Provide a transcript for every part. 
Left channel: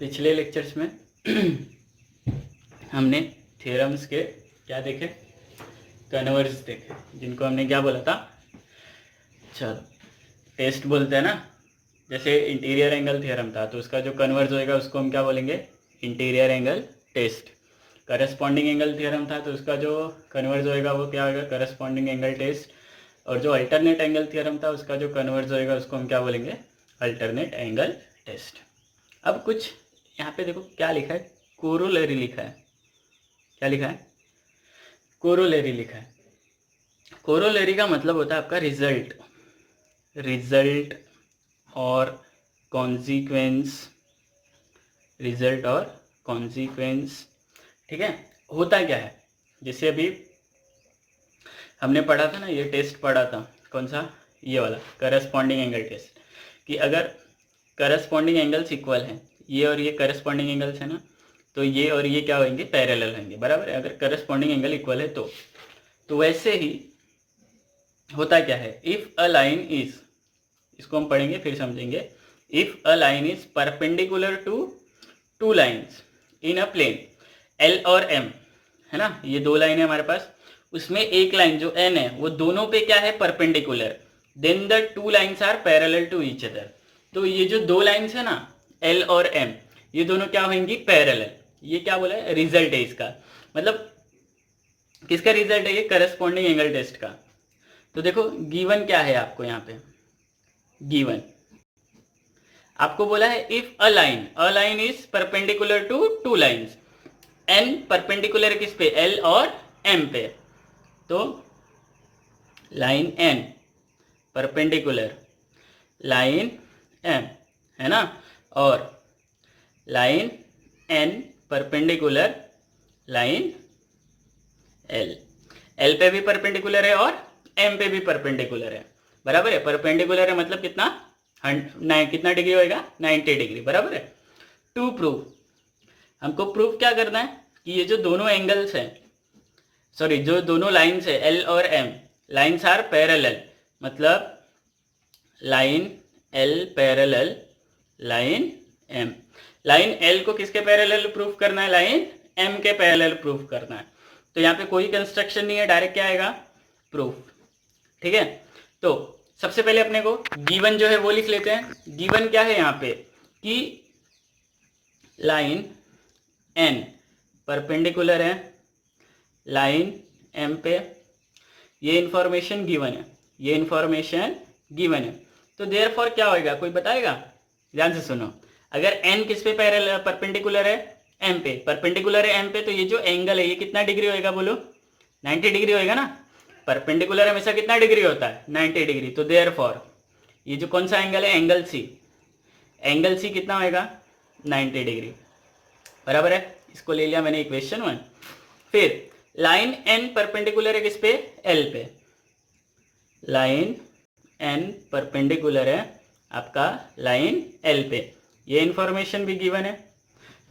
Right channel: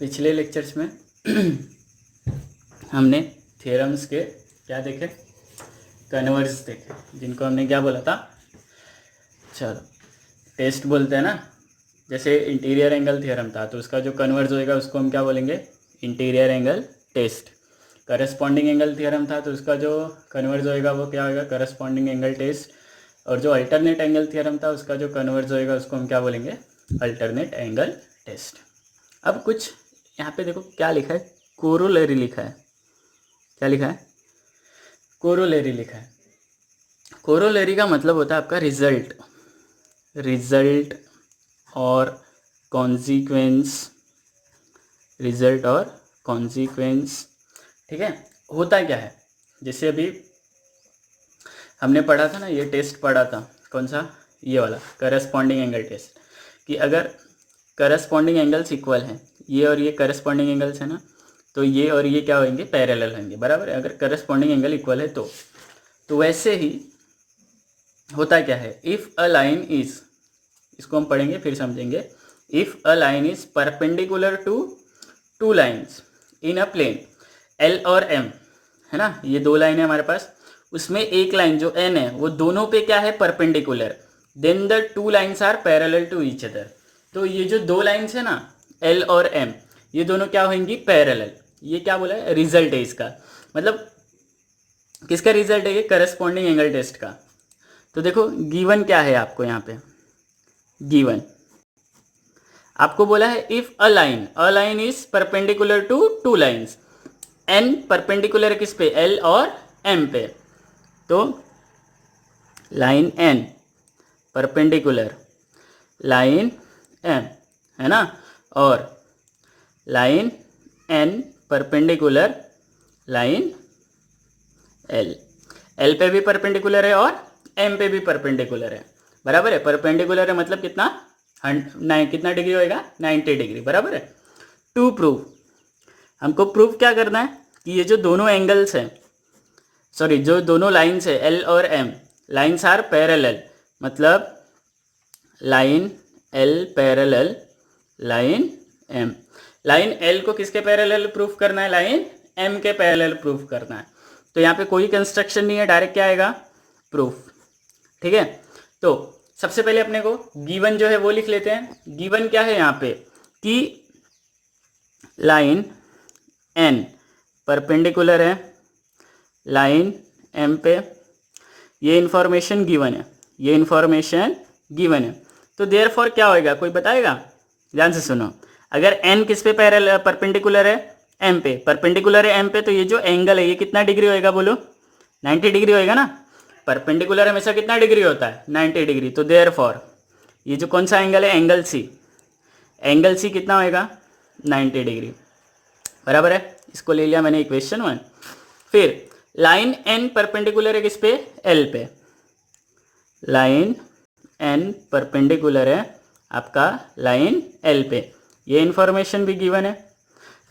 पिछले लेक्चर्स में हमने थ्योरम्स के क्या देखे, कन्वर्स देखे, जिनको हमने क्या बोला था, चलो टेस्ट बोलते हैं ना। जैसे इंटीरियर एंगल थ्योरम था तो उसका जो कन्वर्स होएगा उसको हम क्या बोलेंगे, interior angle test. Corresponding angle theorem था तो उसका जो कन्वर्स होएगा वो क्या होगा, करस्पॉन्डिंग एंगल टेस्ट। और जो अल्टरनेट एंगल थ्योरम था उसका जो कन्वर्स होएगा उसको हम क्या बोलेंगे, अल्टरनेट एंगल टेस्ट। अब कुछ यहाँ पे देखो क्या लिखा है, कोरोलरी लिखा है। क्या लिखा है, कोरोलरी लिखा है। कोरोलरी का मतलब होता है आपका रिजल्ट, रिजल्ट और कॉन्सिक्वेंस, रिजल्ट और कॉन्सिक्वेंस। ठीक है, होता क्या है, जैसे अभी हमने पढ़ा था ना, ये टेस्ट पढ़ा था, कौन सा, ये वाला करस्पॉन्डिंग एंगल टेस्ट, कि अगर करस्पॉन्डिंग एंगल्स इक्वल हैं, ये और ये करस्पॉन्डिंग एंगल्स है ना, तो ये और ये क्या होंगे, पैरेलल होंगे, बराबर है। अगर करस्पॉन्डिंग एंगल इक्वल है तो वैसे ही होता क्या है, इफ़ अ लाइन इज, इसको हम पढ़ेंगे फिर समझेंगे। If a line is perpendicular to two lines in a plane L और एम, है ना, ये दो लाइन है हमारे पास, उसमें एक लाइन जो एन है वो दोनों पे क्या है, perpendicular, then the two lines are parallel to each other. तो ये जो दो लाइन्स है ना, एल और एम, ये दोनों क्या होंगी, पैरेलल। ये क्या बोला है, रिजल्ट है इसका, मतलब किसका रिजल्ट है, ये करस्पॉन्डिंग एंगल टेस्ट का। तो देखो गिवन क्या है आपको यहाँ पे, गिवन आपको बोला है if a line is perpendicular to two lines, N perpendicular किस पे, एल और एम पे, तो line N perpendicular line M, है ना, और line N perpendicular line L, L पे भी परपेंडिकुलर है और एम पे भी परपेंडिकुलर है, बराबर है। परपेंडिकुलर है मतलब कितना, कितना डिग्री होएगा, 90 डिग्री, बराबर है। टू प्रूव, हमको प्रूव क्या करना है कि ये जो दोनों एंगल्स हैं, सॉरी जो दोनों लाइन्स है एल और एम, लाइन्स आर पैरेलल, मतलब line L parallel line M. Line L को किसके पैरेलल प्रूफ करना है, लाइन एम के पैरेलल प्रूफ करना है। तो यहाँ पे कोई कंस्ट्रक्शन नहीं है, डायरेक्ट क्या आएगा, प्रूफ। ठीक है, तो सबसे पहले अपने को गिवन जो है वो लिख लेते हैं। गिवन क्या है यहाँ पे, कि लाइन एन परपेंडिकुलर है लाइन एम पे, ये इंफॉर्मेशन गिवन है, ये इंफॉर्मेशन गिवन है। तो देयरफॉर क्या होएगा, कोई बताएगा, ध्यान से सुनो। अगर एन किस पे पैरेलल परपेंडिकुलर है, एम पे परपेंडिकुलर है एम पे, तो ये जो एंगल है ये कितना डिग्री होएगा, बोलो 90 डिग्री होएगा ना। परपेंडिकुलर हमेशा कितना डिग्री होता है, 90 डिग्री। तो देयरफॉर ये जो कौन सा एंगल है, एंगल सी, एंगल सी कितना होएगा, 90 डिग्री, बराबर है। इसको ले लिया मैंने इक्वेशन 1। फिर लाइन एन परपेंडिकुलर है किस पे, एल पे, लाइन एन परपेंडिकुलर है आपका लाइन एल पे, ये इंफॉर्मेशन भी गिवन है।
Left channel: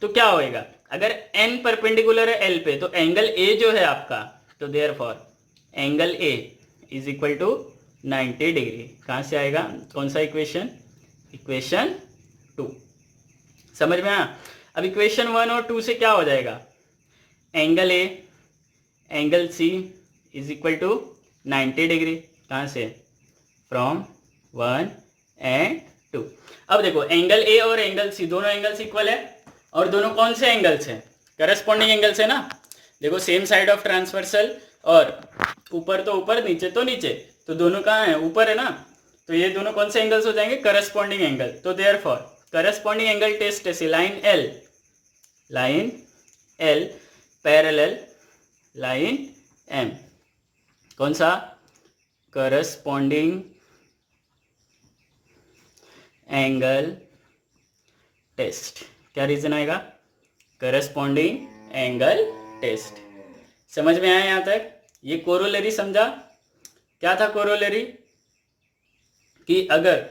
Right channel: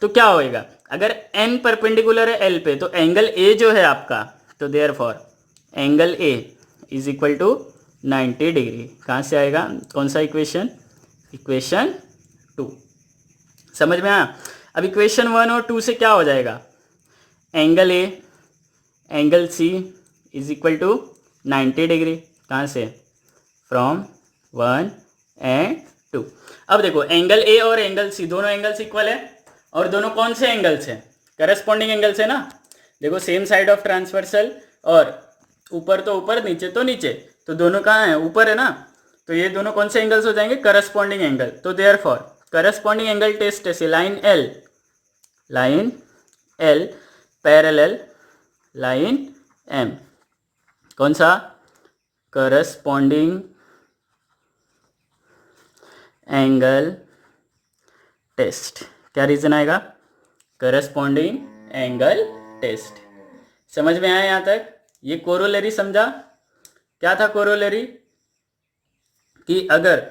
तो क्या होएगा, अगर एन परपेंडिकुलर है एल पे, तो एंगल ए जो है आपका, तो therefore angle A is equal to 90 degree. कहाँ से आएगा, कौन सा इक्वेशन, इक्वेशन 2, समझ में आया। अब इक्वेशन 1 और 2 से क्या हो जाएगा, angle A angle C is equal to 90 degree, कहाँ से, फ्रॉम 1 एंड 2। अब देखो एंगल ए और एंगल सी दोनों एंगल्स इक्वल है, और दोनों कौन से एंगल्स हैं, करस्पॉन्डिंग एंगल्स है ना। देखो सेम साइड ऑफ ट्रांसवर्सल, और ऊपर तो ऊपर नीचे तो नीचे, तो दोनों कहाँ हैं, ऊपर है ना, तो ये दोनों कौन से एंगल्स हो जाएंगे, करस्पॉन्डिंग एंगल। तो देयरफॉर करस्पॉन्डिंग एंगल टेस्ट से line L parallel line M, कौन सा, करस्पॉन्डिंग एंगल टेस्ट। क्या रीजन आएगा, करस्पॉन्डिंग एंगल टेस्ट। समझ में आया यहाँ तक, ये कोरोलरी समझा। क्या था कोरोलरी, कि अगर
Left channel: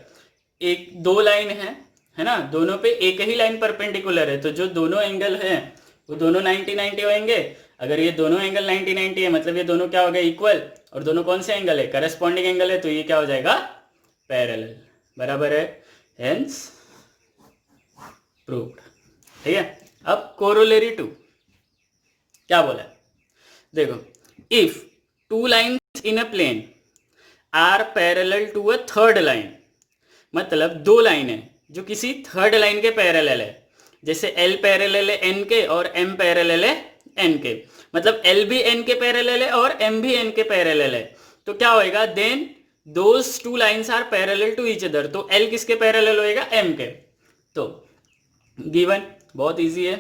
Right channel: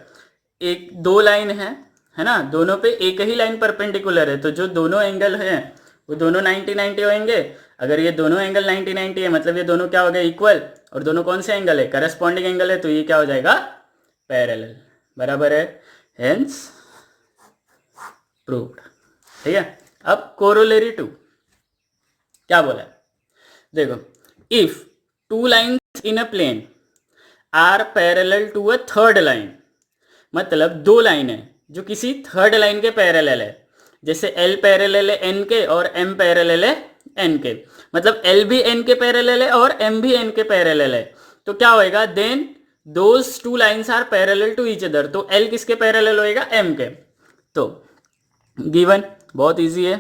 एक दो लाइन है ना, दोनों पे एक ही लाइन परपेंडिकुलर है, तो जो दोनों एंगल हैं वो दोनों 90-90 होंगे। अगर ये दोनों एंगल 90-90 है मतलब ये दोनों क्या हो गए, इक्वल, और दोनों कौन से एंगल है, करस्पॉन्डिंग एंगल है, तो ये क्या हो जाएगा, पैरेलल, बराबर है। Hence proved. ठीक है। अब कोरोलरी टू क्या बोला है, देखो, if two lines in a plane are parallel to a third line, मतलब दो लाइन है जो किसी थर्ड लाइन के पैरेलल है, जैसे L पैरेलल है N के और M पैरेलल है N के, मतलब L भी N के पैरेलल है और M भी N के पैरेलल है, तो क्या होएगा, then those two lines are parallel to each other, तो L किसके पैरेलल होएगा, M के। तो गिवन बहुत इजी है,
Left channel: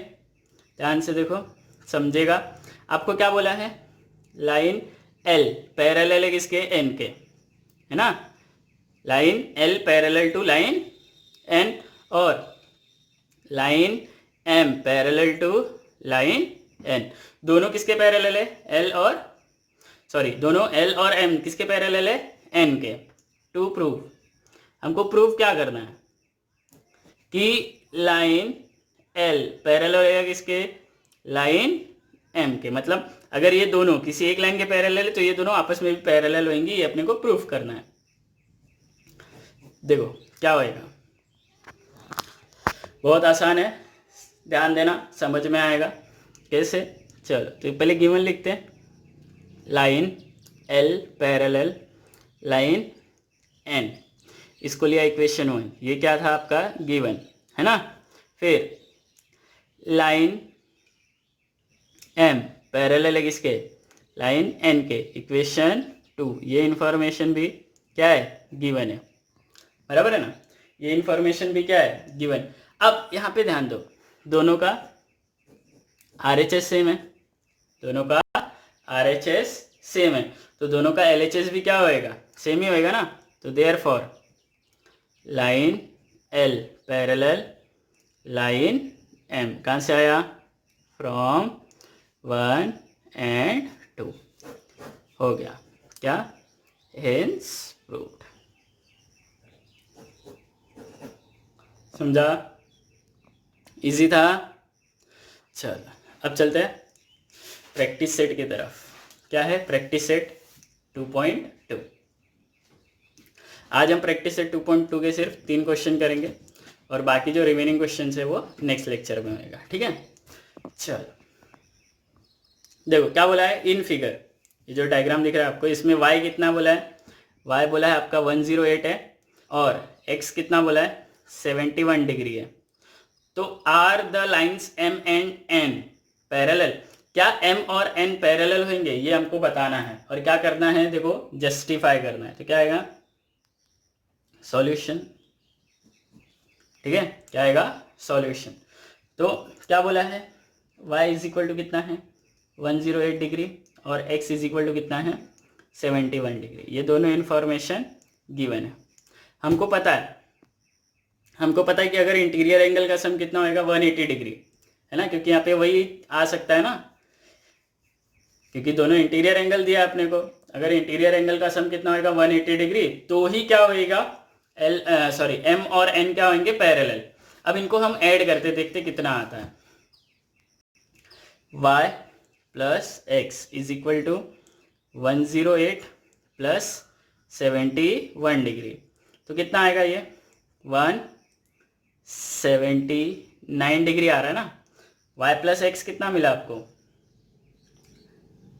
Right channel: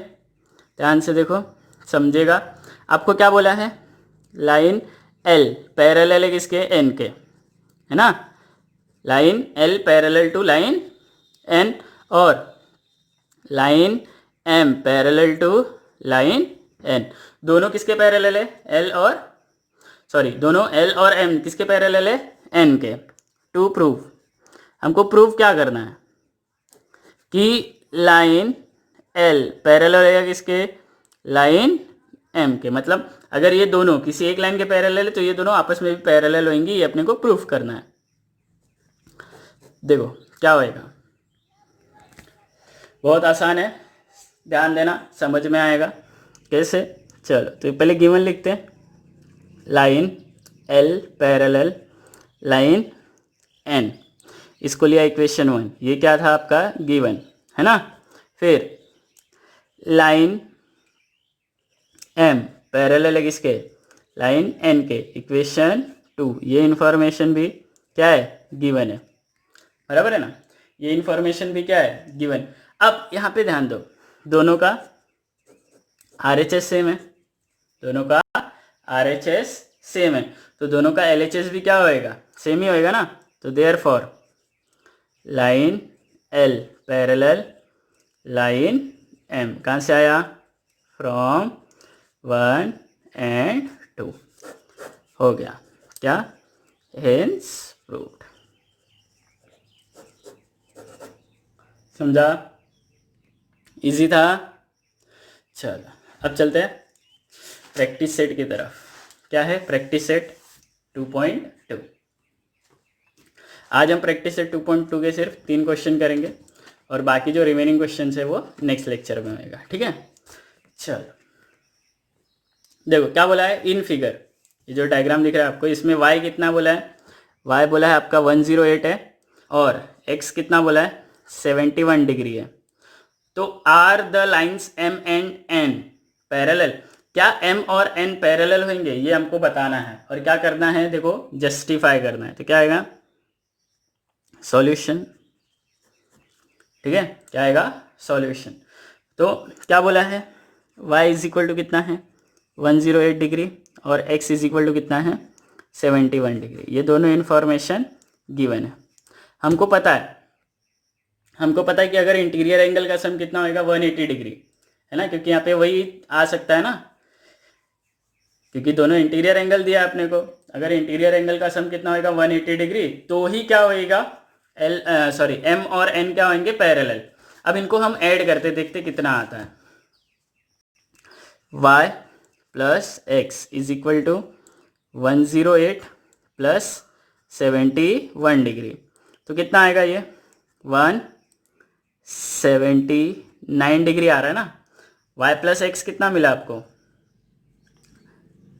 ध्यान से देखो समझेगा। आपको क्या बोला है, लाइन L पैरेलल है किसके, N के, है ना, line L parallel to line N, और line M parallel to line N, दोनों किसके पैरेलल है, L और दोनों L और M किसके पैरेलल है, N के। टू प्रूव, हमको प्रूव क्या करना है कि लाइन L पैरेलल है किसके, लाइन M के, मतलब अगर ये दोनों किसी एक लाइन के पैरेलल है तो ये दोनों आपस में भी पैरेलल होंगी, ये अपने को प्रूफ करना है। देखो क्या होएगा, बहुत आसान है, ध्यान देना, समझ में आएगा कैसे। चलो तो पहले गिवन लिखते हैं, line L parallel line N, इसको लिया इक्वेशन 1, ये क्या था आपका गिवन, है ना। फिर लाइन M पैरेलल है किसके, लाइन N के, इक्वेशन 2, ये इंफॉर्मेशन भी क्या है, गिवन है, बराबर है ना, ये इंफॉर्मेशन भी क्या है, गिवन। अब यहाँ पे ध्यान दो, दोनों का RHS सेम है, दोनों का RHS सेम है, तो दोनों का LHS भी क्या होएगा, सेम ही होएगा ना। तो therefore line L parallel line M, कहाँ से आया, फ्रॉम 1 and 2, हो गया क्या, हेंस प्रूव्ड। समझा, इजी था। चलो अब चलते हैं प्रैक्टिस सेट की तरफ। क्या है प्रैक्टिस सेट 2.2। आज हम प्रैक्टिस सेट 2.2 के सिर्फ 3 क्वेश्चन करेंगे और बाकी जो रिमेनिंग क्वेश्चन है वो नेक्स्ट लेक्चर में होएगा, ठीक है। चलो देखो क्या बोला है इन फिगर, ये जो डायग्राम दिख रहा है आपको, इसमें y कितना बोला है, y बोला है आपका 108 है और x कितना बोला है 71 डिग्री है। तो are the lines m and n parallel, क्या m और n पैरेलल होंगे ये हमको बताना है, और क्या करना है, देखो जस्टिफाई करना है। तो क्या आएगा, सॉल्यूशन, ठीक है, क्या आएगा, सॉल्यूशन। तो क्या बोला है, y इज इक्वल टू कितना है 108 डिग्री और x इज इक्वल टू कितना है 71 डिग्री, ये दोनों इन्फॉर्मेशन गिवन है। हमको पता है कि अगर इंटीरियर एंगल का सम कितना होएगा 180 डिग्री, है ना, क्योंकि यहाँ पे वही आ सकता है ना, क्योंकि दोनों इंटीरियर एंगल दिया आपने को। अगर इंटीरियर एंगल का सम कितना होएगा 180 डिग्री, तो ही क्या होएगा m और n क्या होंगे पैरेलल। अब इनको हम ऐड करते देखते कितना आता है, y plus x is equal to 108 plus 71 degree, तो कितना आएगा ये 179 डिग्री आ रहा है ना। y प्लस एक्स कितना मिला आपको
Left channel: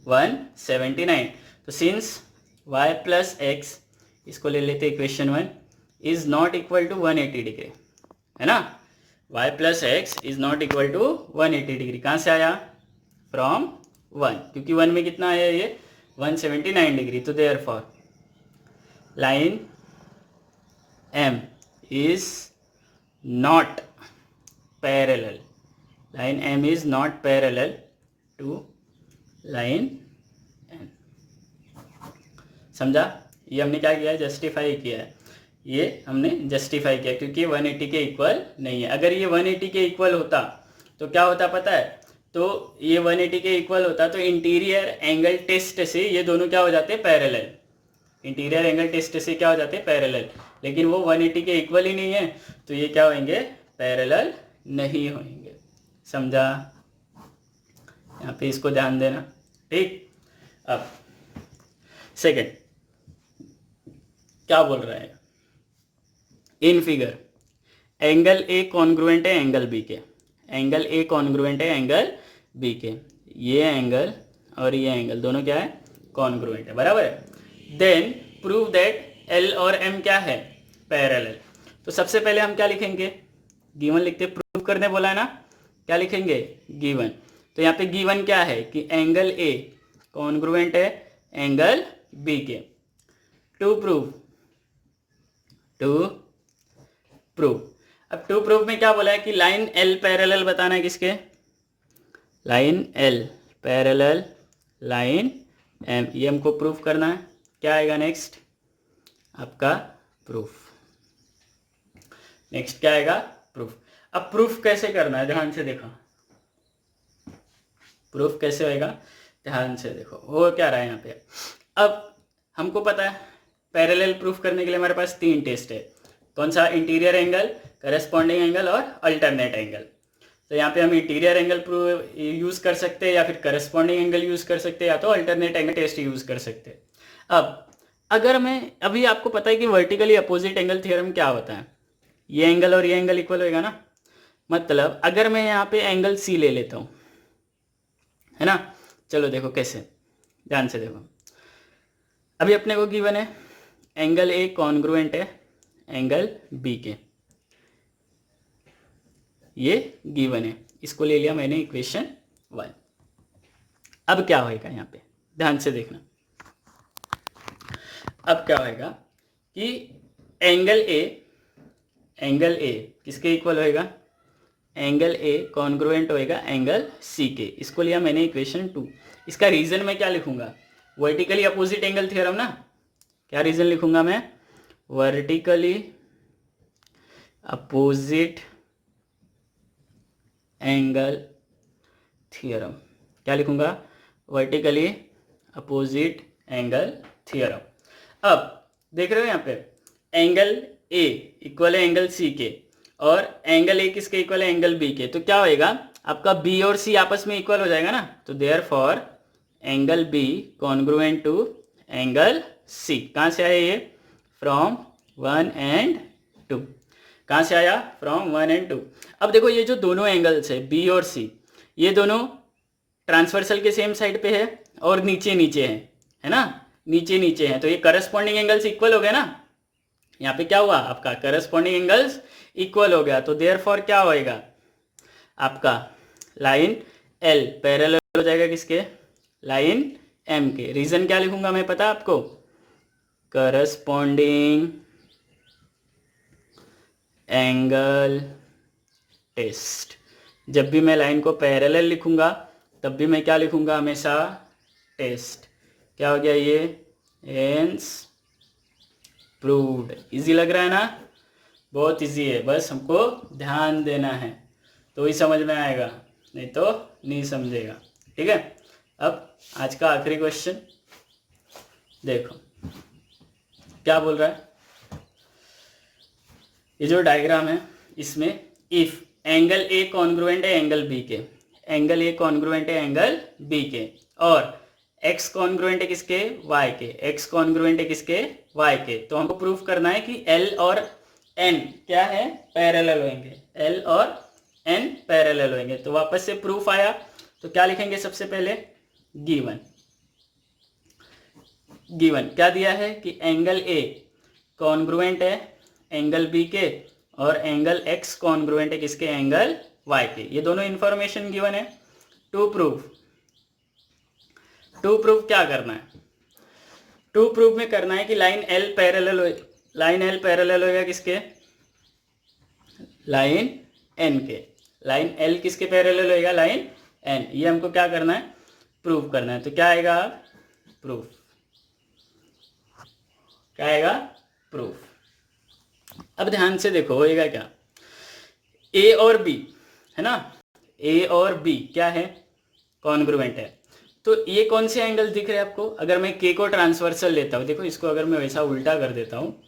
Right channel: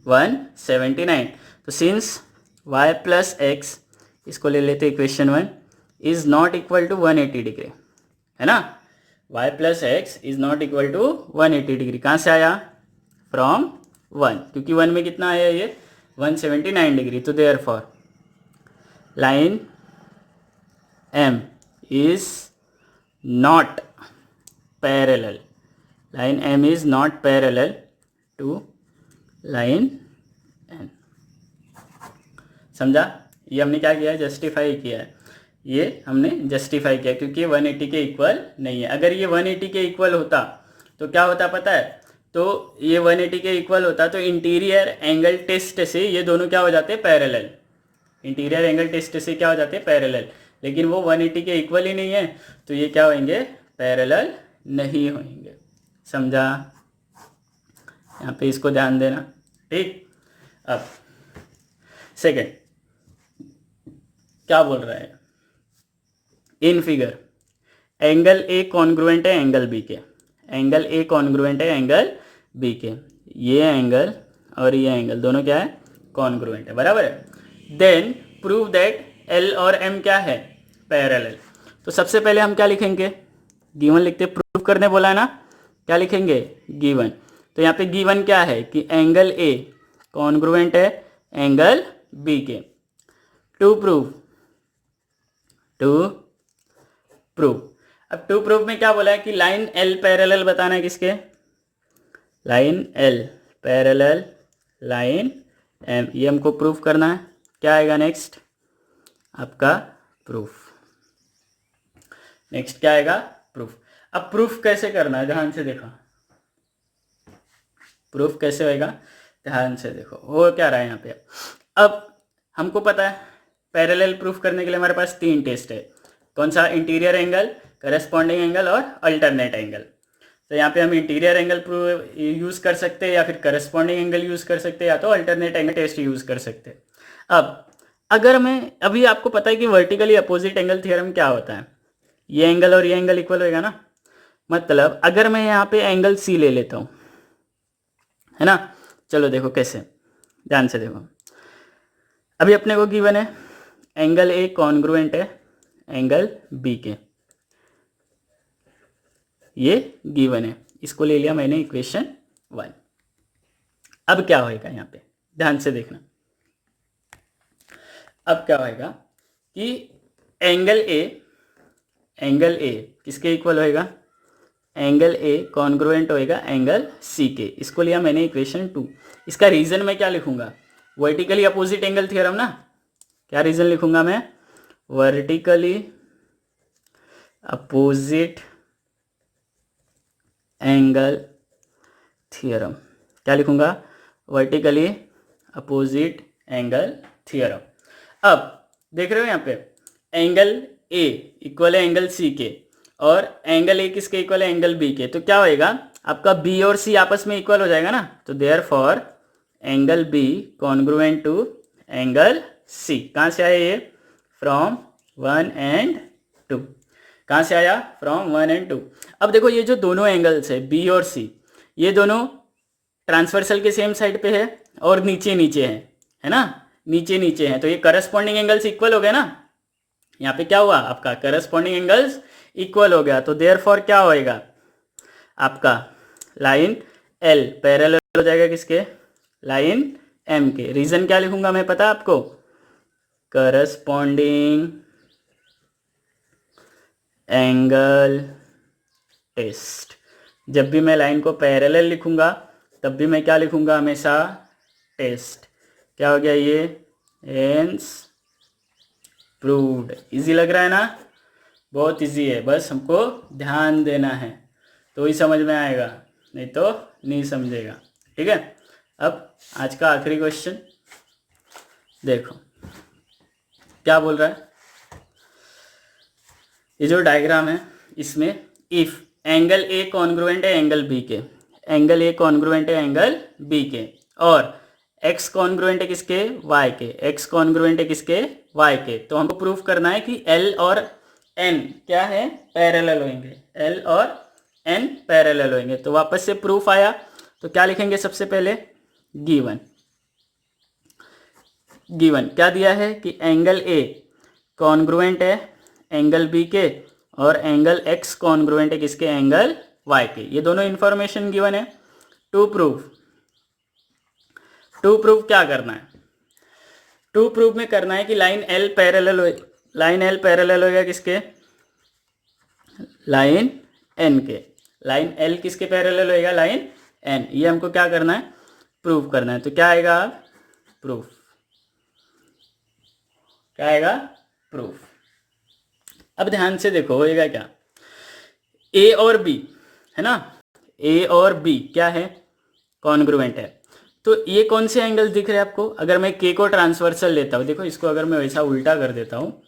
179, तो सिंस y प्लस एक्स, इसको ले लेते equation 1, is not equal to 180 degree, है ना। y plus x is not equal to 180 degree, कहाँ से आया, फ्रॉम 1, क्योंकि 1 में कितना आया ये 179 डिग्री। तो therefore line M is not parallel, line M is not parallel to line N। समझा, ये हमने क्या किया है, जस्टिफाई किया है, ये हमने जस्टिफाई किया क्योंकि ये 180 के इक्वल नहीं है। अगर ये 180 के इक्वल होता तो क्या होता पता है, तो ये 180 के इक्वल होता तो इंटीरियर एंगल टेस्ट से ये दोनों क्या हो जाते पैरेलल, इंटीरियर एंगल टेस्ट से क्या हो जाते पैरेलल, लेकिन वो 180 के इक्वल ही नहीं है, तो ये क्या होंगे पैरेलल नहीं होंगे। समझा, यहाँ पे इसको ध्यान देना, ठीक। अब सेकंड क्या बोल रहा है, in figure angle A congruent है एंगल बी के, एंगल ए कॉन्ग्रुएंट है एंगल बी के। ये एंगल और ये एंगल दोनों क्या है, कॉन्ग्रुएंट है, बराबर है। देन प्रूव दैट एल और एम क्या है, पैरेलल। तो सबसे पहले हम क्या लिखेंगे, गिवन लिखते, प्रूव करने बोला ना, क्या लिखेंगे, गिवन। तो यहाँ पे गिवन क्या है कि एंगल ए कॉन्ग्रुएंट है एंगल बी के। टू प्रूव, अब टू प्रूव में क्या बोला है कि लाइन एल पैरेलल बताना है किसके, line L parallel line M, ये हमको प्रूफ करना है। क्या आएगा नेक्स्ट आपका प्रूफ, नेक्स्ट क्या आएगा प्रूफ। अब प्रूफ कैसे करना है, ध्यान से देखो, प्रूफ कैसे होएगा, ध्यान से देखो हो क्या रहा है यहाँ पे। अब हमको पता है पैरेलल प्रूफ करने के लिए हमारे पास 3 टेस्ट है, कौन सा, इंटीरियर एंगल, करस्पॉन्डिंग एंगल और अल्टरनेट एंगल। तो यहाँ पे हम इंटीरियर एंगल यूज़ कर सकते हैं या फिर करस्पॉन्डिंग एंगल यूज़ कर सकते हैं या तो अल्टरनेट एंगल टेस्ट यूज़ कर सकते हैं। अब अगर मैं, अभी आपको पता है कि वर्टिकली अपोजिट एंगल थ्योरम क्या होता है, ये एंगल और ये एंगल इक्वल होएगा ना, मतलब अगर मैं यहाँ पे एंगल सी ले लेता हूँ, है ना, चलो देखो कैसे, ध्यान से देखो। अभी अपने को गिवन है एंगल ए कॉन्ग्रुएंट है एंगल बी के, ये गिवन है, इसको ले लिया मैंने इक्वेशन 1। अब क्या होएगा यहाँ पे, ध्यान से देखना। अब क्या होएगा कि एंगल ए किसके इक्वल होएगा, एंगल ए कॉन्ग्रुएंट होएगा एंगल सी के, इसको लिया मैंने इक्वेशन 2। इसका रीजन मैं क्या लिखूंगा, वर्टिकली अपोजिट एंगल थ्योरम ना, क्या रीजन लिखूंगा मैं, वर्टिकली अपोजिट एंगल थ्योरम, क्या लिखूंगा, वर्टिकली अपोजिट एंगल थ्योरम। अब देख रहे हो यहाँ पे एंगल ए इक्वल है एंगल सी के और एंगल ए किसके इक्वल है, एंगल बी के। तो क्या होएगा आपका बी और सी आपस में इक्वल हो जाएगा ना, तो therefore angle B congruent to angle C. कहाँ से आया ये, फ्रॉम 1 and 2, कहाँ से आया, फ्रॉम 1 and 2। अब देखो ये जो दोनों एंगल्स है बी और सी, ये दोनों ट्रांसवर्सल के सेम साइड पे है और नीचे नीचे है ना, नीचे नीचे हैं, तो ये करस्पॉन्डिंग एंगल्स इक्वल हो गए ना। यहाँ पे क्या हुआ आपका, करस्पॉन्डिंग एंगल्स इक्वल हो गया, तो देयरफॉर क्या होएगा आपका, लाइन एल पैरेलल हो जाएगा किसके, लाइन एम के। रीजन क्या लिखूंगा मैं, पता आपको, करस्पॉन्डिंग एंगल टेस्ट। जब भी मैं लाइन को पैरेलल लिखूंगा तब भी मैं क्या लिखूंगा, हमेशा टेस्ट। क्या हो गया ये, हेंस प्रूव्ड। इजी लग रहा है ना, बहुत इजी है, बस हमको ध्यान देना है तो ही समझ में आएगा, नहीं तो नहीं समझेगा, ठीक है। अब आज का आखिरी क्वेश्चन देखो क्या बोल रहा है। ये जो डायग्राम है इसमें इफ एंगल ए कॉन्ग्रुएंट है एंगल बी के, एंगल ए कॉन्ग्रुएंट है एंगल बी के और x कॉन्ग्रुएंट है किसके, y के, x कॉन्ग्रुएंट है किसके, y के, तो हमको प्रूफ करना है कि l और n क्या है, पैरेलल होंगे, l और n पैरेलल होंगे। तो वापस से प्रूफ आया, तो क्या लिखेंगे सबसे पहले, गिवन। गिवन क्या दिया है कि एंगल a कॉन्ग्रुएंट है एंगल b के और एंगल x कॉन्ग्रुएंट है किसके, एंगल y के। ये दोनों इंफॉर्मेशन गिवन है। टू प्रूफ क्या करना है, टू प्रूफ में करना है कि लाइन L पैरेलल हो, लाइन L पैरेलल होगा किसके, लाइन N के। लाइन L किसके पैरेलल होगा, लाइन N। ये हमको क्या करना है, प्रूफ करना है। तो क्या आएगा, प्रूफ, क्या आएगा, प्रूफ। अब ध्यान से देखो होएगा क्या, A और B है ना, A और B क्या है, कॉन्ग्रुएंट है। तो ये कौन से एंगल दिख रहे हैं आपको, अगर मैं K को ट्रांसवर्सल लेता हूँ, देखो इसको अगर मैं वैसा उल्टा कर देता हूँ,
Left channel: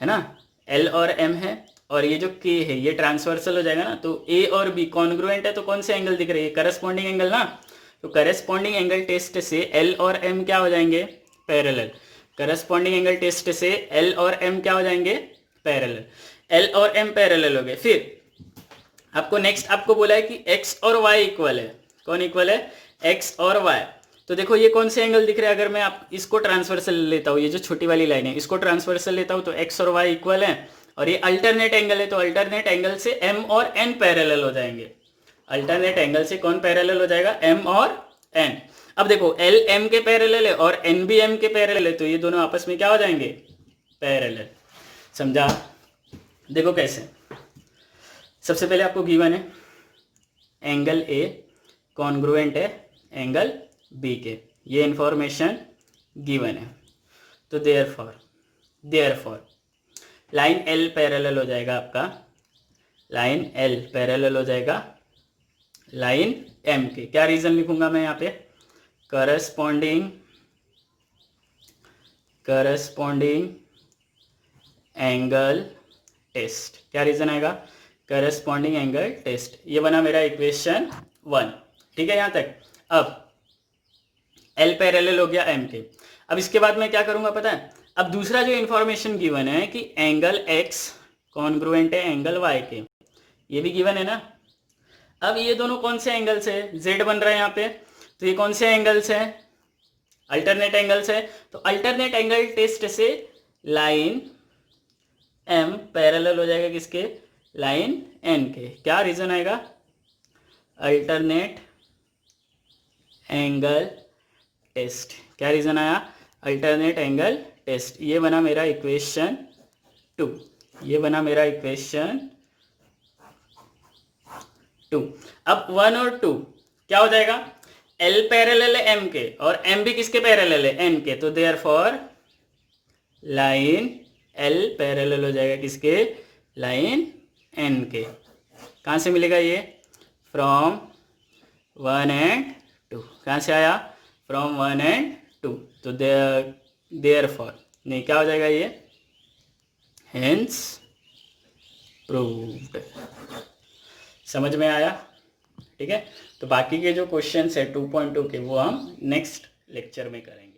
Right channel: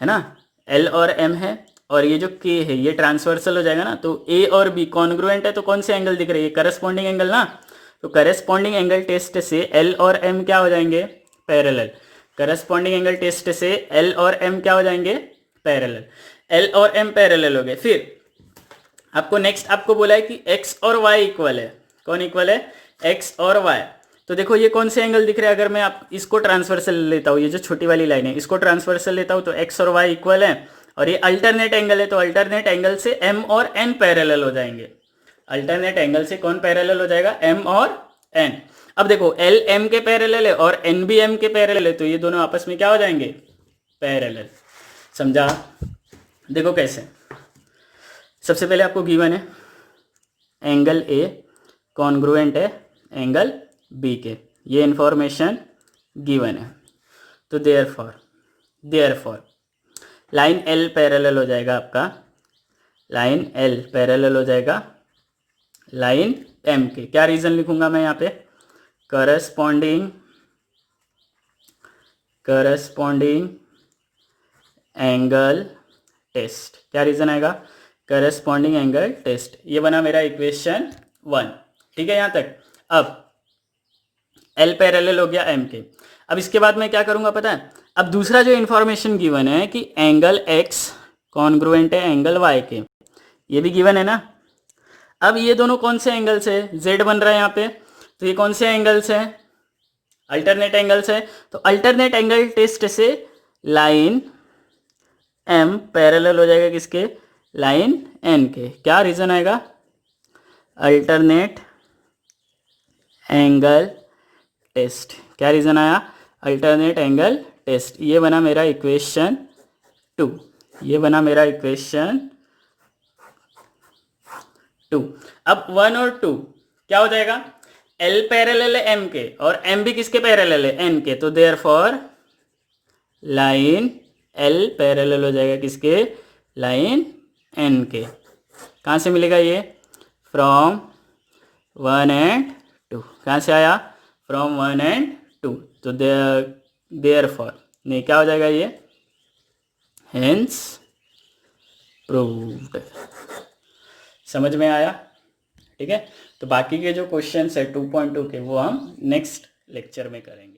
है ना, L और M है और ये जो K है ये ट्रांसवर्सल हो जाएगा ना, तो A और B कॉन्ग्रुएंट है, तो कौन से एंगल दिख रहे हैं, करस्पॉन्डिंग एंगल ना। तो करस्पॉन्डिंग एंगल टेस्ट से L और M क्या हो जाएंगे, पैरेलल। करस्पॉन्डिंग एंगल टेस्ट से L और M क्या हो जाएंगे, पैरेलल। L और M पैरेलल हो गए। फिर आपको नेक्स्ट आपको बोला है कि x और y इक्वल है। कौन इक्वल है? x और y। तो देखो ये कौन से एंगल दिख रहे हैं, अगर मैं आप इसको ट्रांसवर्सल लेता हूँ, ये जो छोटी वाली लाइन है इसको ट्रांसवर्सल लेता हूँ तो x और y इक्वल है, और ये अल्टरनेट एंगल है तो अल्टरनेट एंगल से m और n पैरेलल हो जाएंगे। अल्टरनेट एंगल से कौन पैरेलल हो जाएगा? m और n। अब देखो l m के पैरेलल है और n भी m के पैरेलल है, तो ये दोनों आपस में क्या हो जाएंगे? पैरेलल। समझा? देखो कैसे, सबसे पहले आपको गिवन है एंगल A कॉन्ग्रुएंट है एंगल B के, ये इंफॉर्मेशन गिवन है। तो देयरफॉर लाइन L पैरेलल हो जाएगा आपका, लाइन L पैरेलल हो जाएगा लाइन M के। क्या रीजन लिखूंगा मैं यहाँ पे? Corresponding angle test. क्या रीजन आएगा? Corresponding angle test. ये बना मेरा इक्वेशन 1। ठीक है यहाँ तक। अब L पैरेलल हो गया M के। अब इसके बाद मैं क्या करूँगा पता है? अब दूसरा जो इन्फॉर्मेशन गिवन है कि एंगल X कॉन्ग्रुएंट है एंगल Y के, ये भी गिवन है ना। अब ये दोनों कौन से एंगल्स है? Z बन रहा है यहाँ पे, तो ये कौन से एंगल्स है? अल्टरनेट एंगल्स है। तो अल्टरनेट एंगल टेस्ट से लाइन M पैरेलल हो जाएगा किसके? लाइन N के। क्या रीजन आएगा? Alternate angle test. क्या रीजन आया? Alternate angle test. ये बना मेरा इक्वेशन 2। ये बना मेरा इक्वेशन 2। अब 1 और 2 क्या हो जाएगा? L पैरेलल है M के और M भी किसके पैरेलल है? N के। तो देयरफॉर लाइन L पैरेलल हो जाएगा किसके? लाइन N के। कहाँ से मिलेगा ये? From 1 and 2। कहाँ से आया? From 1 and 2। तो देयरफॉर नहीं, क्या हो जाएगा ये? Hence proved. समझ में आया? ठीक है। तो बाकी के जो क्वेश्चंस है 2.2 के वो हम नेक्स्ट लेक्चर में करेंगे।